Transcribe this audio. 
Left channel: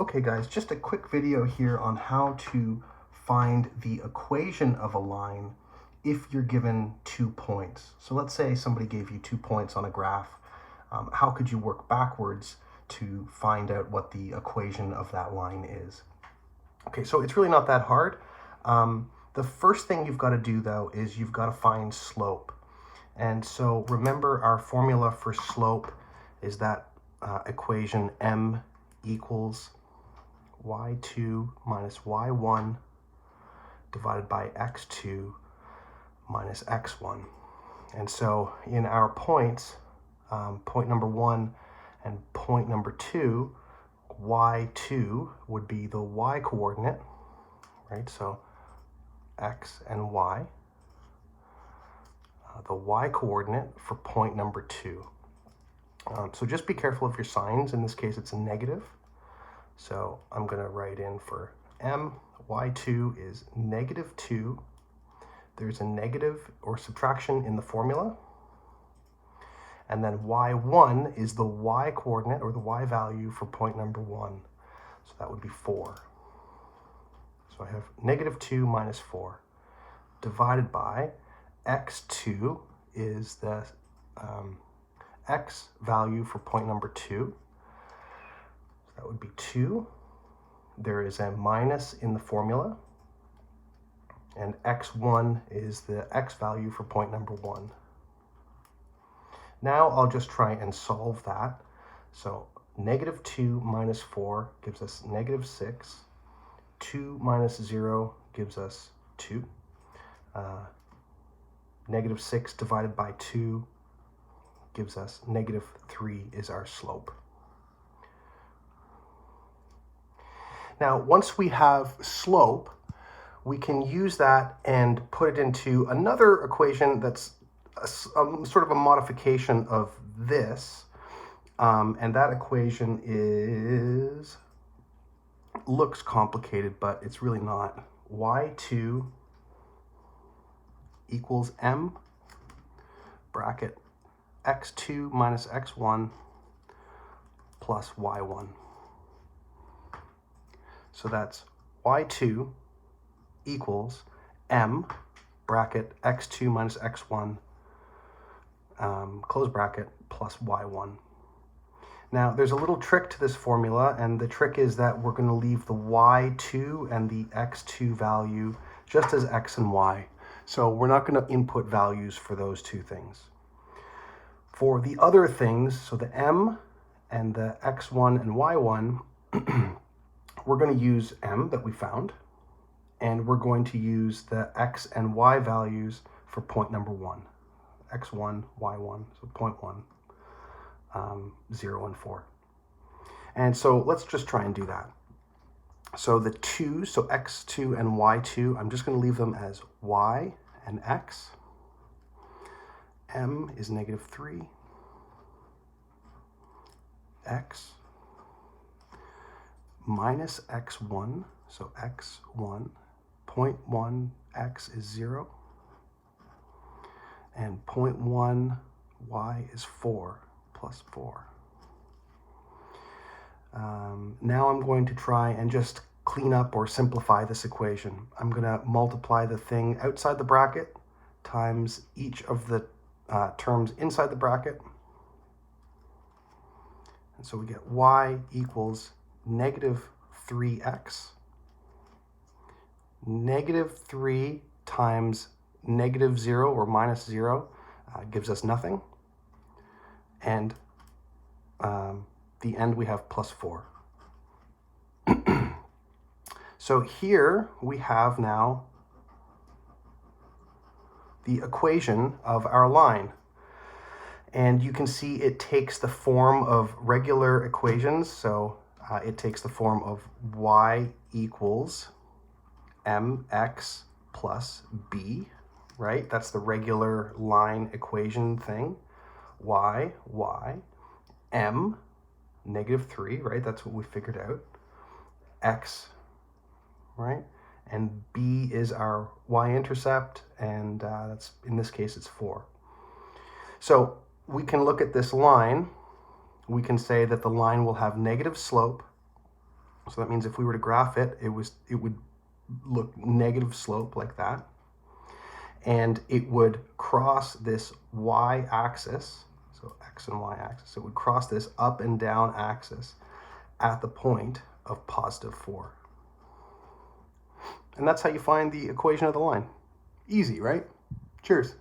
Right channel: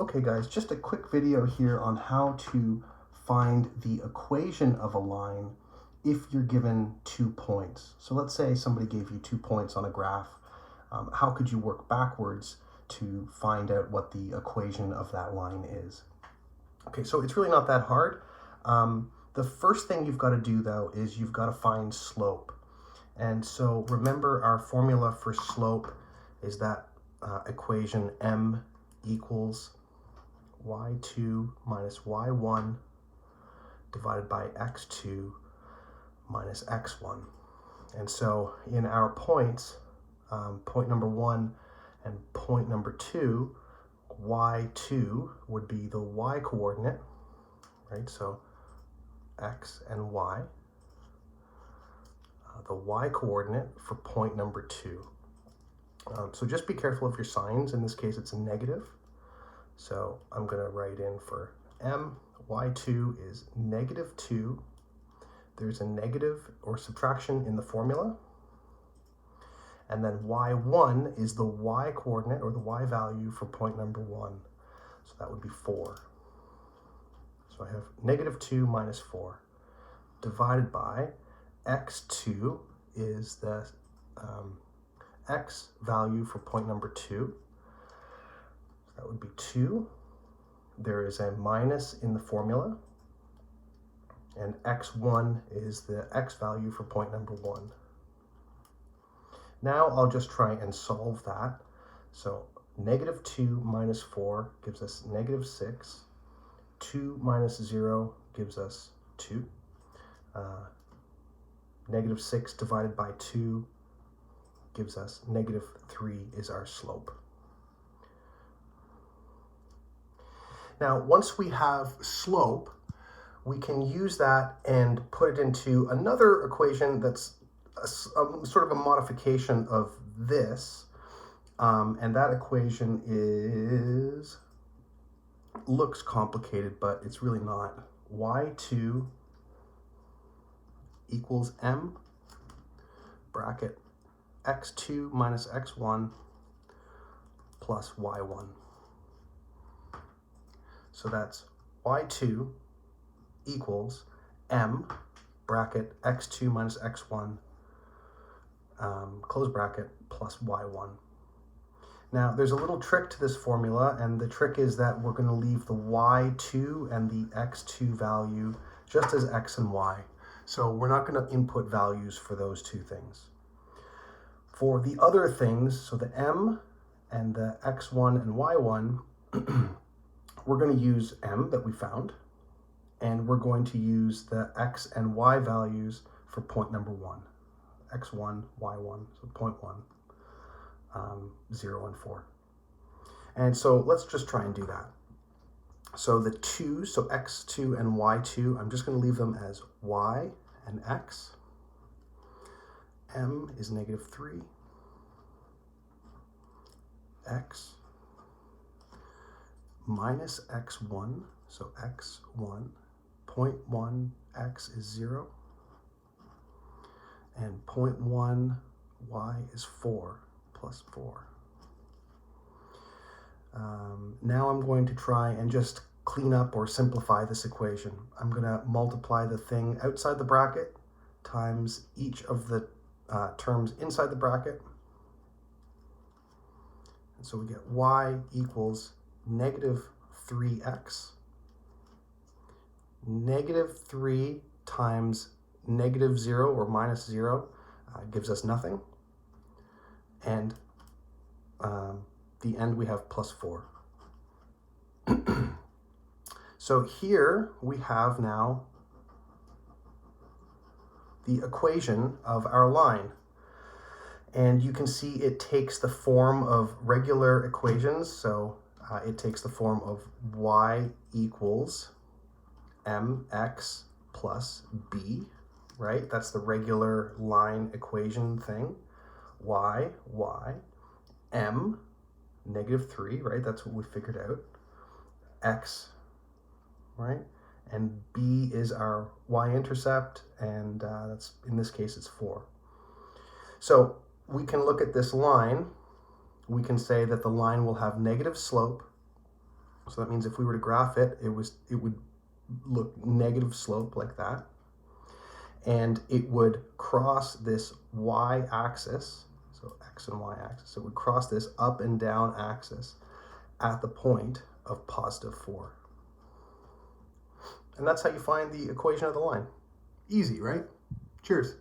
Okay guys, just a quick video here on how to find the equation of a line if you're given 2 points. So let's say somebody gave you 2 points on a graph. How could you work backwards to find out what the equation of that line is? Okay, so it's really not that hard. The first thing you've got to do though is you've got to find slope. And so remember, our formula for slope is that equation m equals y2 minus y1 divided by x2 minus x1. And so in our points, point number 1 and point number 2, y2 would be the y coordinate, right? So x and y. The y coordinate for point number 2. So just be careful of your signs. In this case, it's a negative. So I'm going to write in for m, y2 is negative 2. There's a negative or subtraction in the formula. And then y1 is the y coordinate or the y value for point number 1. So that would be 4. So I have negative 2 minus 4 divided by x2 is the x value for point number 2. So that would be 2. There is a minus in the formula. And x1 is the x value for point number 1. Now I'll just try and solve that. So negative 2 minus 4 gives us negative 6. 2 minus 0 gives us 2. Negative 6 divided by 2 gives us negative 3 is our slope. Now, once we have slope, we can use that and put it into another equation that's sort of a modification of this. And that equation looks complicated, but it's really not. y2 equals m bracket x2 minus x1 plus y1. So that's y2 equals m bracket x2 minus x1 close bracket plus y1. Now there's a little trick to this formula, and the trick is that we're going to leave the y2 and the x2 value just as x and y. So we're not going to input values for those two things. For the other things, so the m and the x1 and y1, we're going to use m that we found, and we're going to use the x and y values for point number 1. x1, y1, so point 1, 0, and 4. And so let's just try and do that. So the 2, so x2 and y2, I'm just going to leave them as y and x. M is negative 3. X minus x1, so x1, 0.1 x is 0. And 0.1 y is 4 plus 4. Now I'm going to try and just clean up or simplify this equation. I'm going to multiply the thing outside the bracket times each of the terms inside the bracket. And so we get y equals negative 3x. Negative 3 times negative 0 or minus 0 gives us nothing. And the end we have plus 4. So here we have now the equation of our line. And you can see it takes the form of regular equations. So it takes the form of y equals mx plus b, right? That's the regular line equation thing. y, m, negative 3, right? That's what we figured out. X, right? And b is our y-intercept, and that's, in this case, it's 4. So we can look at this line. We can say that the line will have negative slope. So that means if we were to graph it, it would look negative slope like that. And it would cross this y-axis, so x and y-axis, it would cross this up and down axis at the point of +4. And that's how you find the equation of the line. Easy, right? Cheers.